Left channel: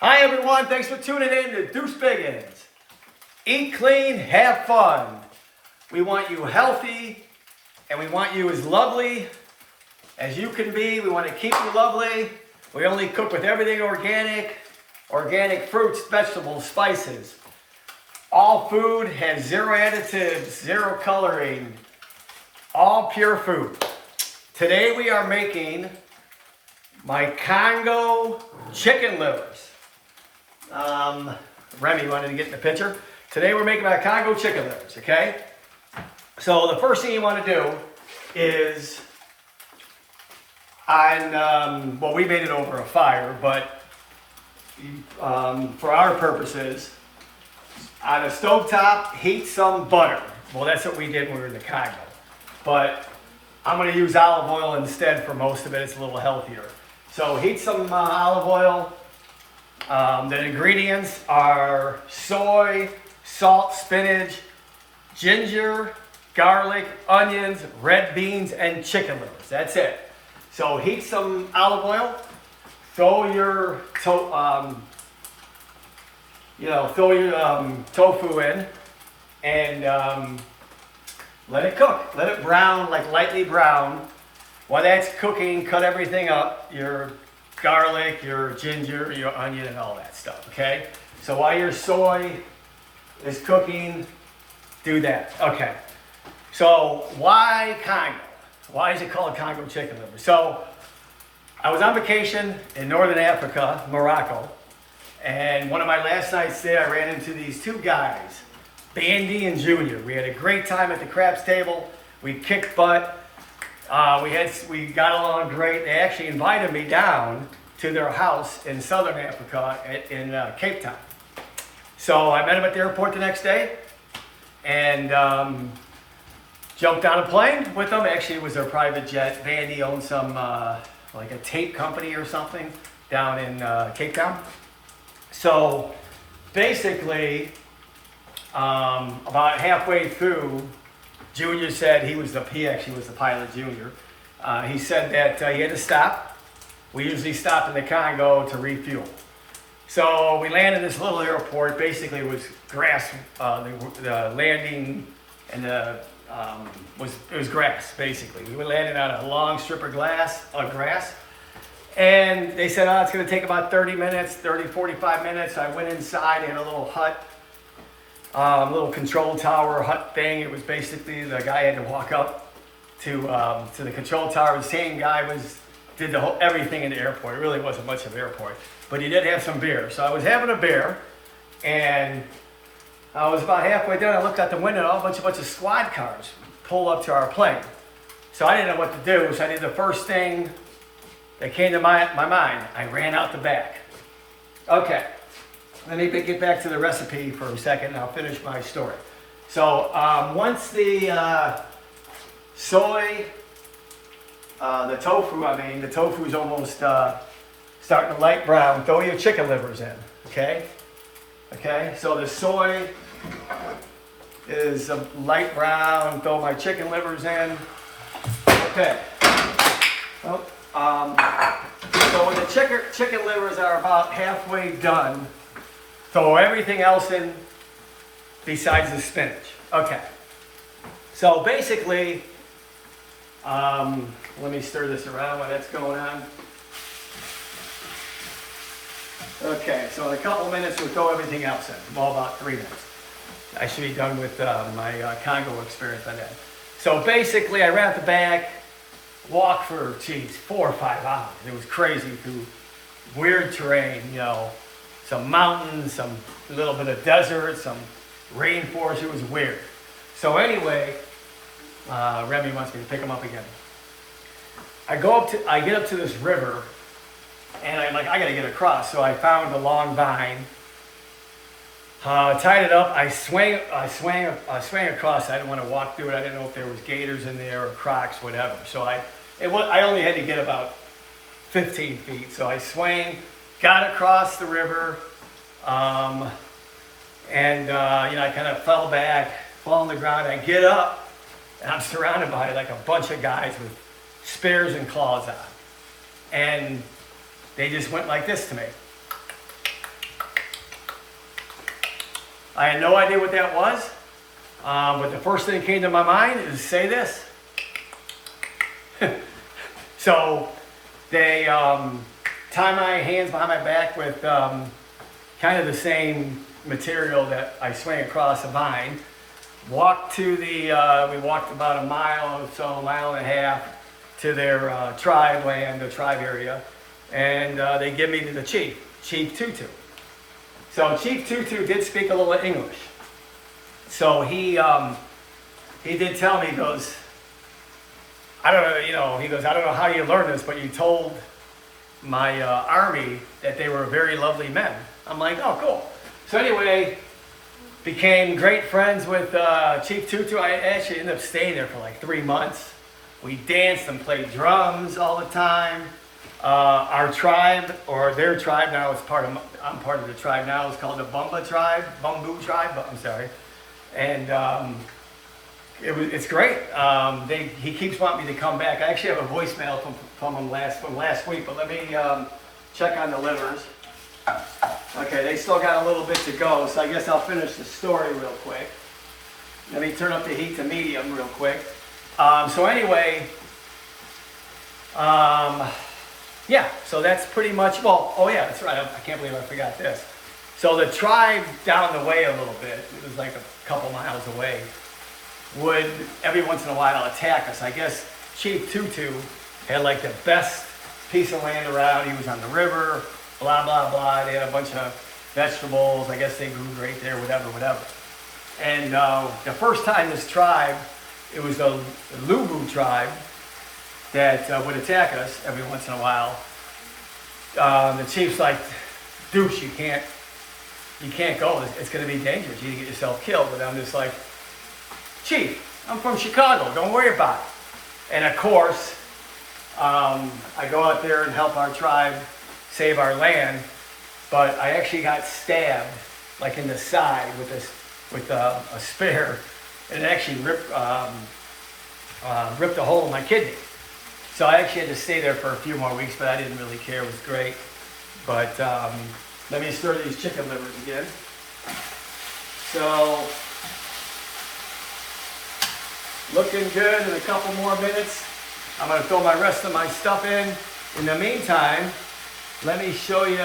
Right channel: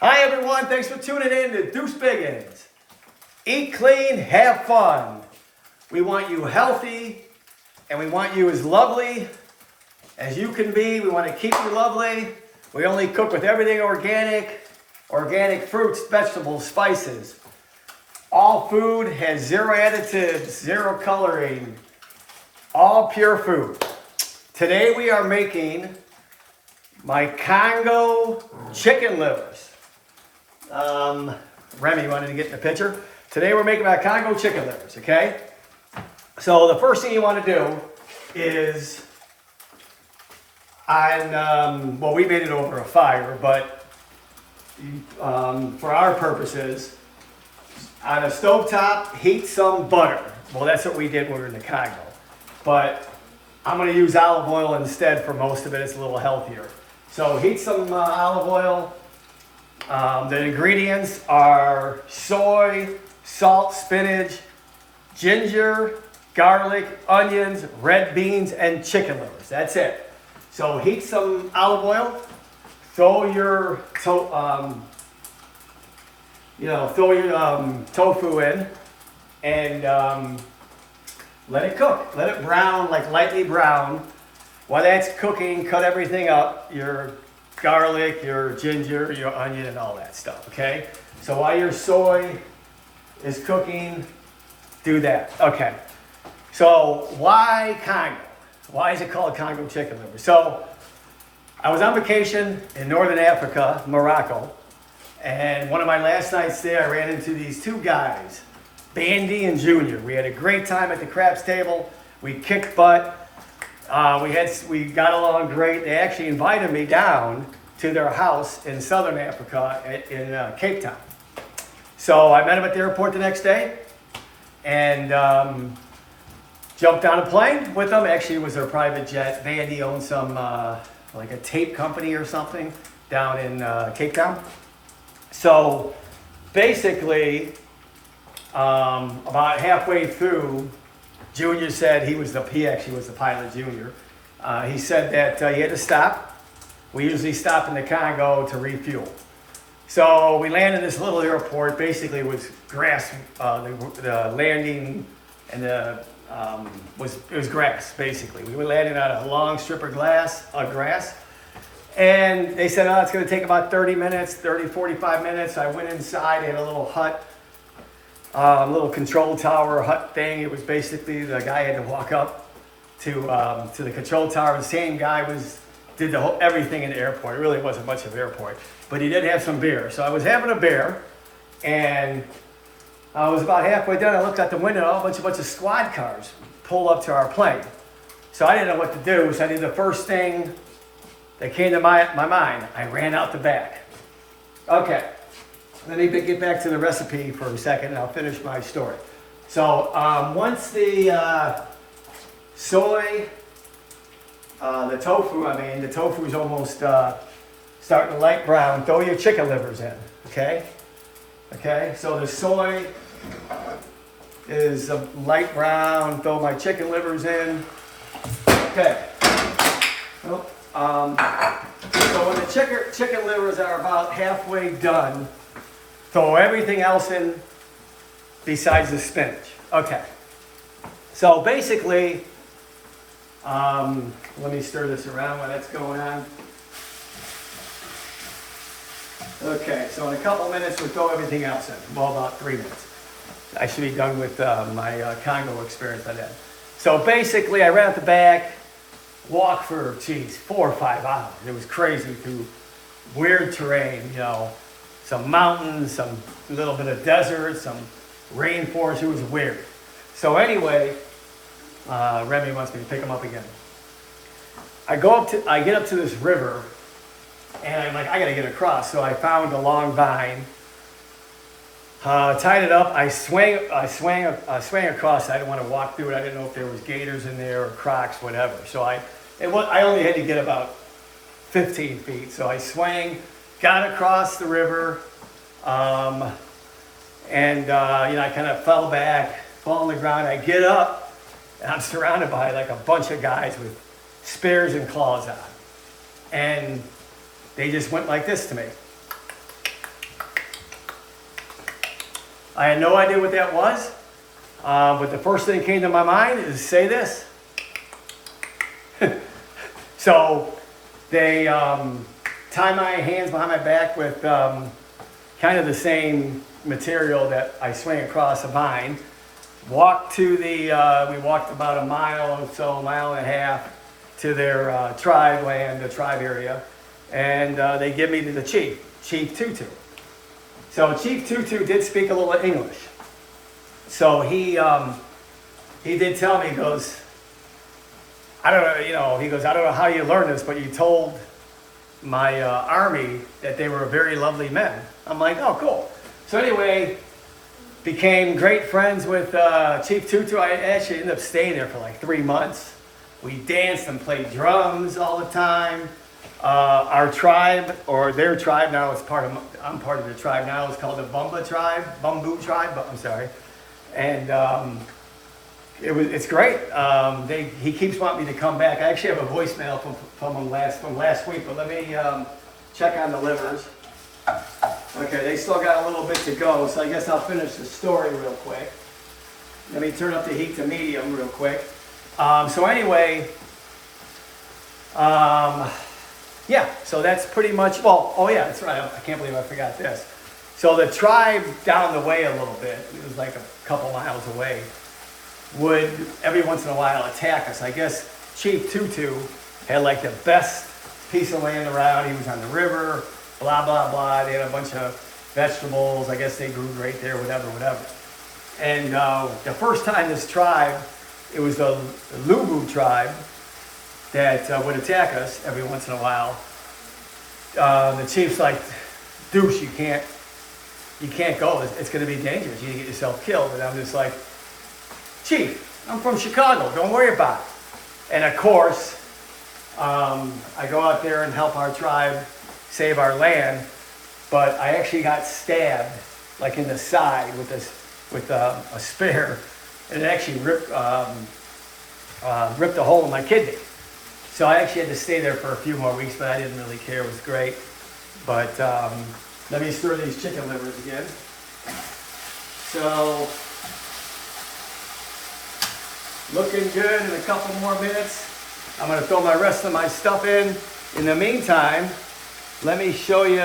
Hi everyone, thanks for tuning in to Deuce Biggins. Eat clean, have fun. We want you healthy and we want you as lovely as you can be. We want to keep you lovely. We only cook with everything organic fruits, vegetables, spices. All food has zero additives, zero coloring, all pure food. Today we are making my Congo chicken livers. Remy wanted to get in the picture. Today we're making my Congo chicken livers, okay? So the first thing you want to do is, we made it over a fire, but for our purposes, on a stovetop, heat some butter. Well, that's what we did when we were in the Congo. But I'm going to use olive oil instead for most of it. It's a little healthier. So heat some olive oil. The ingredients are soy, salt, spinach, ginger, garlic, onions, red beans, and chicken livers. That's it. So heat some olive oil. Throw your tofu in, and let it cook. Let it brown, like lightly brown. While that's cooking, cut everything up. Your garlic, your ginger, your onion, and all that stuff, okay? So while your soy is cooking, do that. Okay. So why Congo? Why is it called Congo chicken liver? So I was on vacation in Northern Africa, Morocco, and one of my last nights there, I ran into these two guys, Bandy and Junior. We had a great time at the craps table. We kicked butt. We got along great. They actually invited me down to their house in Southern Africa in Cape Town. So I met them at the airport the next day and jumped on a plane with them. Actually, it was their private jet. Bandy owned some, like a tape company or something down in Cape Town. So basically, about halfway through, Junior said he actually was the pilot, Junior. He said that he had to stop. We usually stop in the Congo to refuel. So we landed in this little airport. Basically, it was grass. The landing and it was grass. Basically, we landed on a long strip of grass. And they said, it's going to take about 45 minutes. I went inside, had a little hut. Little control tower hut thing. It was basically the guy had to walk up to the control tower. The same guy did everything in the airport. It really wasn't much of an airport, but he did have some beer. So I was having a beer, and I was about halfway done. I looked out the window, and a bunch of squad cars pull up to our plane. So I didn't know what to do. So I did the first thing that came to my mind. I ran out the back. Okay. Let me get back to the recipe for a second, and I'll finish my story. So once the the tofu is almost starting to light brown, throw your chicken livers in, okay? Okay, so the soy is a light brown, throw my chicken livers in. Okay. So when the chicken livers are about halfway done, throw everything else in besides the spinach. Okay. So basically, let me stir this around while that's going on. Okay, so in a couple minutes we'll throw everything else in. Well, about 3 minutes. I should be done with my Congo experience by then. So basically, I ran out the back, walked for, 4 or 5 hours. It was crazy through weird terrain, some mountains, some little bit of desert, some rainforest. It was weird. So anyway, Remy wants me to pick him up again. I get up to this river, and I'm like, I gotta get across. So I found a long vine, tied it up. I swang across. I didn't want to walk through it. I didn't know if there was gators in there or crocs, whatever. So I only had to get about 15 feet. So I swang. Got across the river, I kind of fell on the ground. I get up, and I'm surrounded by like a bunch of guys with spears and claws on. And they just went like this to me. I had no idea what that was, but the first thing that came to my mind is say this. So they tie my hands behind my back with kind of the same material that I swing across a vine. Walked to the, we walked about a mile or so, a mile and a half to their tribe land, the tribe area, and they give me to the chief, Chief Tutu. So Chief Tutu did speak a little English. So he did tell me, he goes, I don't know, you know, he goes, I don't know how you learned this, but you told my army that they were very lovely men. I'm like, oh, cool. So anyway, became great friends with Chief Tutu. I actually ended up staying there for like 3 months. We danced and played drums all the time. Our tribe, or their tribe now, it's part of, I'm part of the tribe now, it's called the Bumba tribe, Bumbu tribe, but I'm sorry. And it's great. He keeps wanting me to come back. I actually have a voicemail from him last week, but let me check on the livers. Okay, they still got a little bit to go, so I guess I'll finish the story real quick. Let me turn up the heat to medium real quick. So anyway, yeah, so that's pretty much, well, oh yeah, that's right, I can't believe I forgot this. So the tribe down the way a little bit, it was like a couple miles away, would every once in a while attack us. I guess Chief Tutu had like the best piece of land around. He was on the river, blah, blah, blah. They had a bunch of vegetables. I guess they grew great there, whatever. And the first time this tribe, it was the Lubu tribe that would attack us every once in a while. The chief's like, douche, you can't go. It's going to be dangerous. You can get yourself killed. And I'm just like, Chief, I'm from Chicago. Don't worry about it. And of course, I go out there and help our tribe save our land, but I actually got stabbed like in the side with a spear, and it actually ripped a hole in my kidney. So I actually had to stay there for a few more weeks, but I didn't really care. It was great. But let me stir these chicken livers again. So, looking good in a couple more minutes. I'm going to throw my rest of my stuff in. In the meantime, let me show you.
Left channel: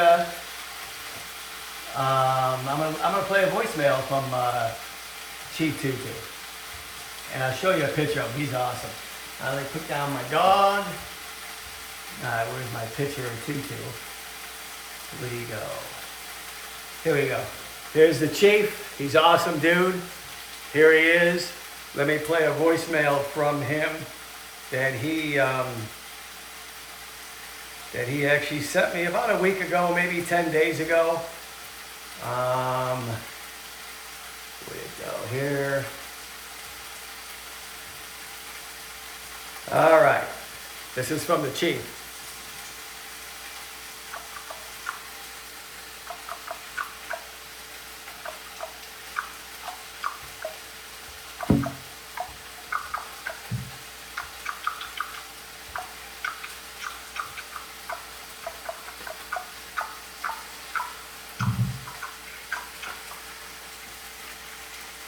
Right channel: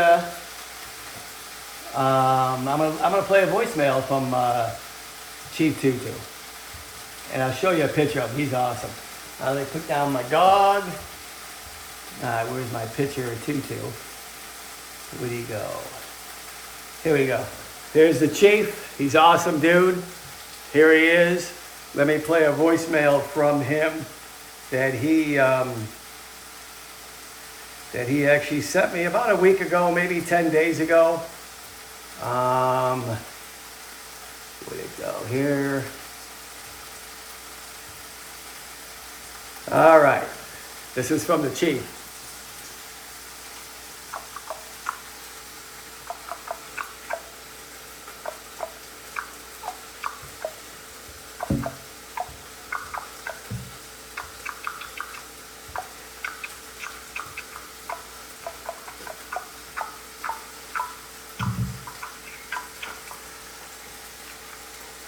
I'm gonna play a voicemail from Chief Tutu, and I'll show you a picture of him. He's awesome. They took down my dog. All right, where's my picture of Tutu? Where'd he go? Here we go. Here's the chief. He's awesome, dude. Here he is. Let me play a voicemail from him that he actually sent me about a week ago, maybe 10 days ago. Where'd it go? Here. All right. This is from the chief.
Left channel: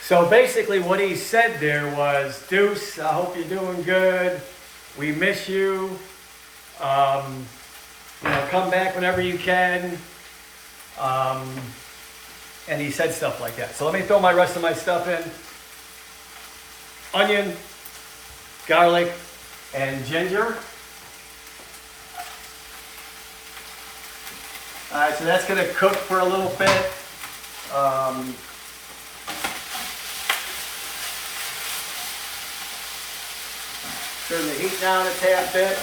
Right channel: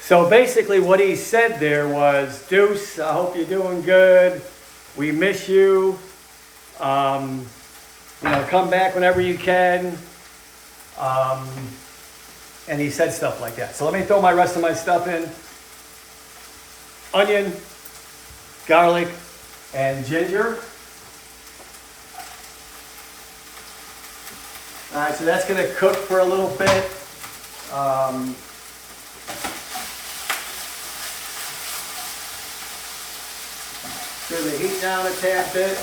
So basically what he said there was, Deuce, I hope you're doing good. We miss you. Come back whenever you can. And he said stuff like that. So let me throw my rest of my stuff in. Onion, garlic, and ginger. All right, so that's gonna cook for a little bit. Turn the heat down a tad bit.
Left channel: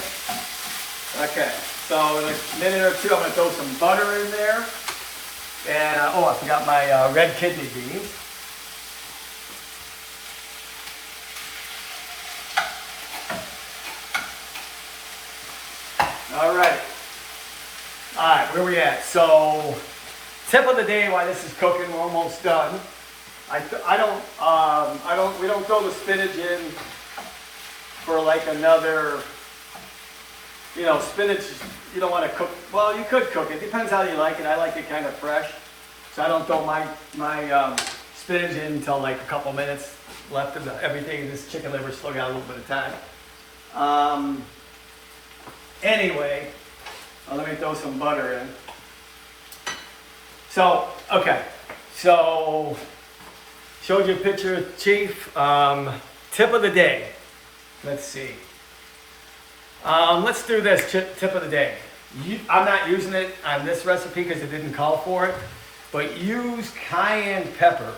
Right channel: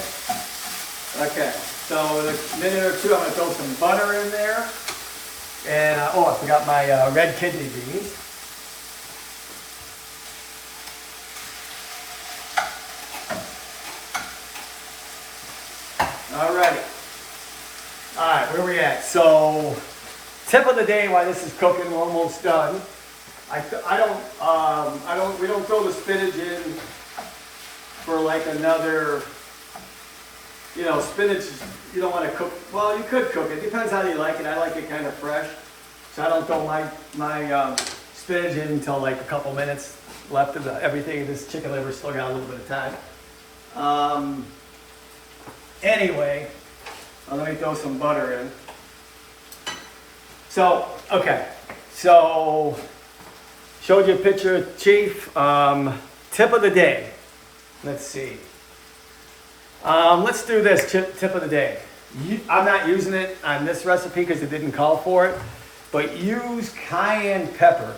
Okay, so in a minute or two, I'm going to throw some butter in there. And, I forgot my red kidney beans. Alrighty. Alright, where we at? So, tip of the day while this is cooking, we're almost done. We don't throw the spinach in for like another, spinach, you don't want to cook, well, you could cook it, depends how you like it. I like it kind of fresh, so I don't throw my spinach in until like a couple minutes left of everything. This chicken liver still got a little bit of time. Anyway, let me throw some butter in. So, okay. So, showed you a picture of Chief. Tip of the day. Let's see. Let's do this tip of the day. I'm not using it on this recipe because it didn't call for it, but use cayenne pepper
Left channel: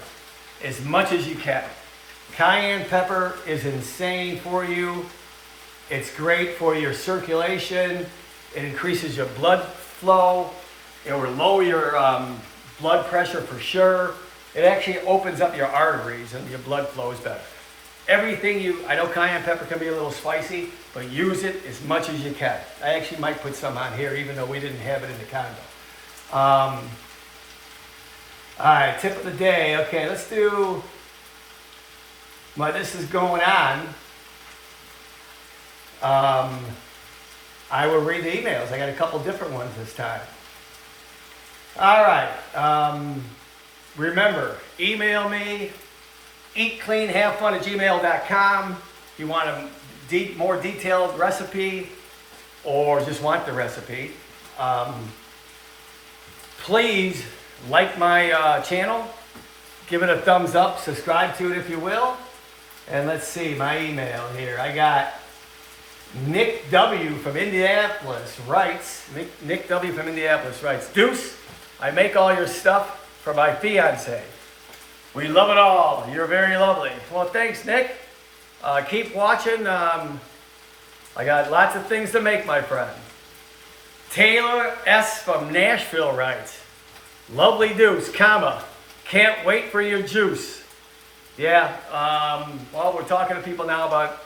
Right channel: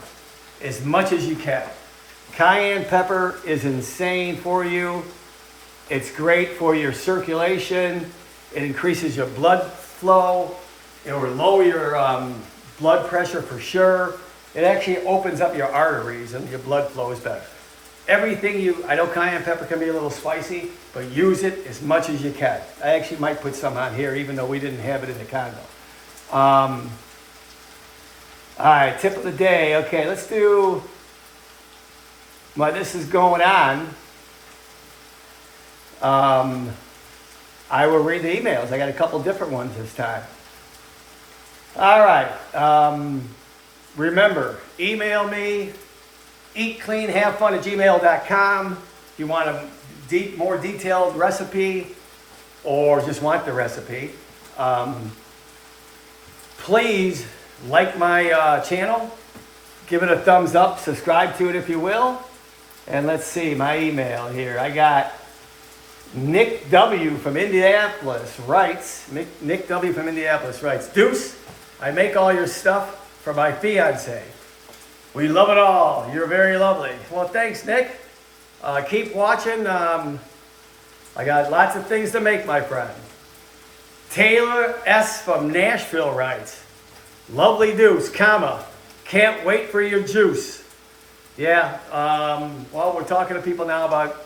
as much as you can. Cayenne pepper is insane for you. It's great for your circulation. It increases your blood flow. It will lower your blood pressure for sure. It actually opens up your arteries and your blood flows better. Everything I know cayenne pepper can be a little spicy, but use it as much as you can. I actually might put some on here, even though we didn't have it in the Congo. All right, tip of the day. Okay, let's do, while this is going on, I will read the emails. I got a couple different ones this time. All right, remember, email me, eatcleanhavefun@gmail.com. If you want a more detailed recipe or just want the recipe, please like my channel, give it a thumbs up, subscribe to it if you will. And let's see, my email here. I got Nick W. from Indianapolis writes, Nick W. from Indianapolis writes, Deuce, I make all your stuff for my fiance. We love it all. You're very lovely. Well, thanks, Nick. Keep watching. I got lots of things to make, my friend. Taylor S. from Nashville writes, lovely Deuce, comma, can't wait for your juice. Yeah, well, we're talking to people now about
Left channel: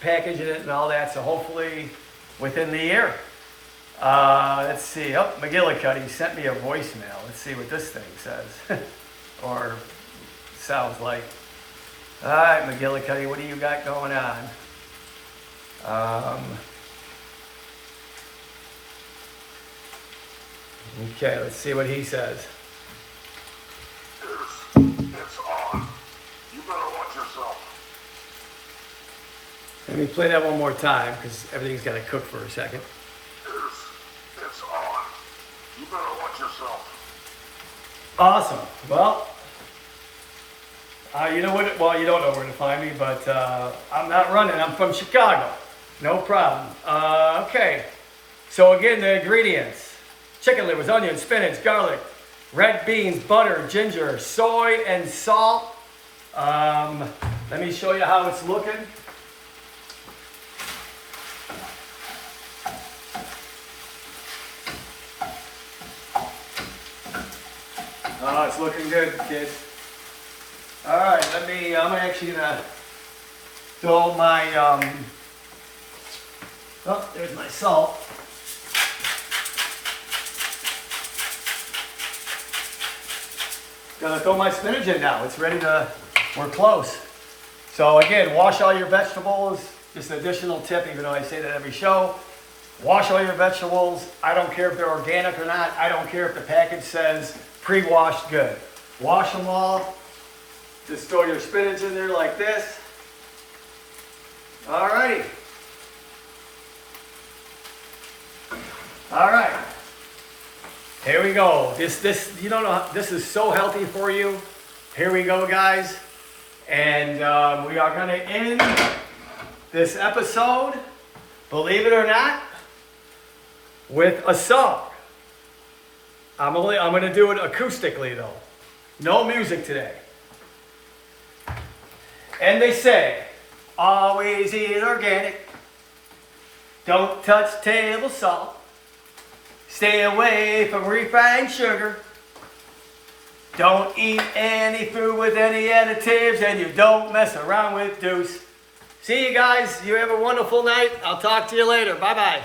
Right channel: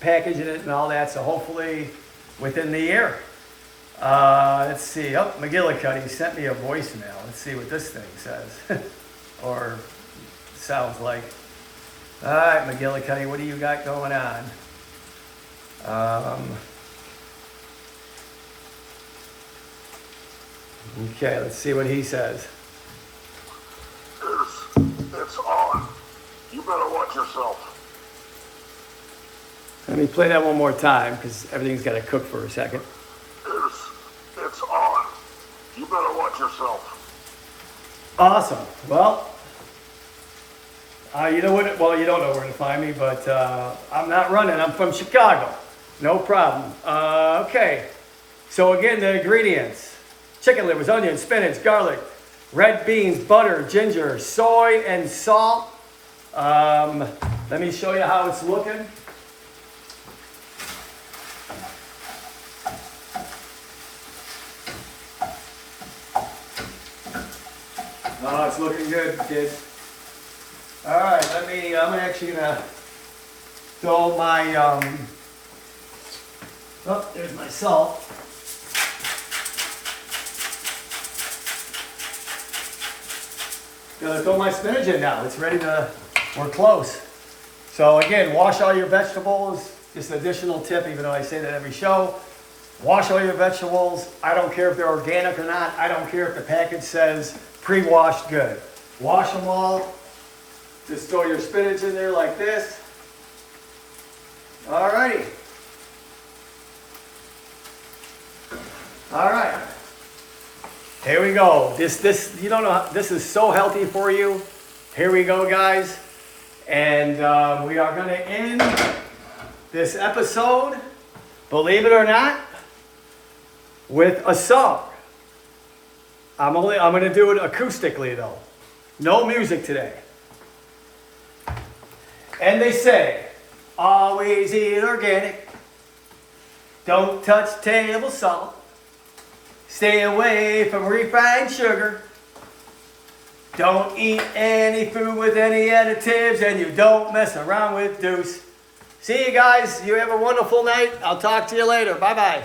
packaging it and all that, so hopefully within the year. Let's see. Oh, McGillicuddy sent me a voicemail. Let's see what this thing says. Or sounds like. All right, McGillicuddy, what do you got going on? Okay, let's see what he says. It's on. You better watch yourself. Let me play that one more time because everything's got to cook for a second. It's on. You better watch yourself. Awesome. Well, you know what? Well, you don't know where to find me, but I'm not running. I'm from Chicago. No problem. Okay. So again, the ingredients: chicken livers, onions, spinach, garlic, red beans, butter, ginger, soy, and salt. Let me show you how it's looking. Oh, it's looking good, kids. All right, I'm actually gonna throw my, oh, there's my salt. Gonna throw my spinach in now. It's ready to, we're close. So again, wash all your vegetables. Just an additional tip, even though I say that every show. Wash all your vegetables. I don't care if they're organic or not. I don't care if the package says pre-washed good. Wash them all. Just throw your spinach in there like this. All right. All right. Here we go. This you don't know. This is so healthy for you. Here we go, guys. And we are going to end this episode, believe it or not, with a song. I'm going to do it acoustically though. No music today. And they say, always eat organic. Don't touch table salt. Stay away from refined sugar. Don't eat any food with any additives, and you don't mess around with Deuce. See you guys. You have a wonderful night. I'll talk to you later. Bye-bye.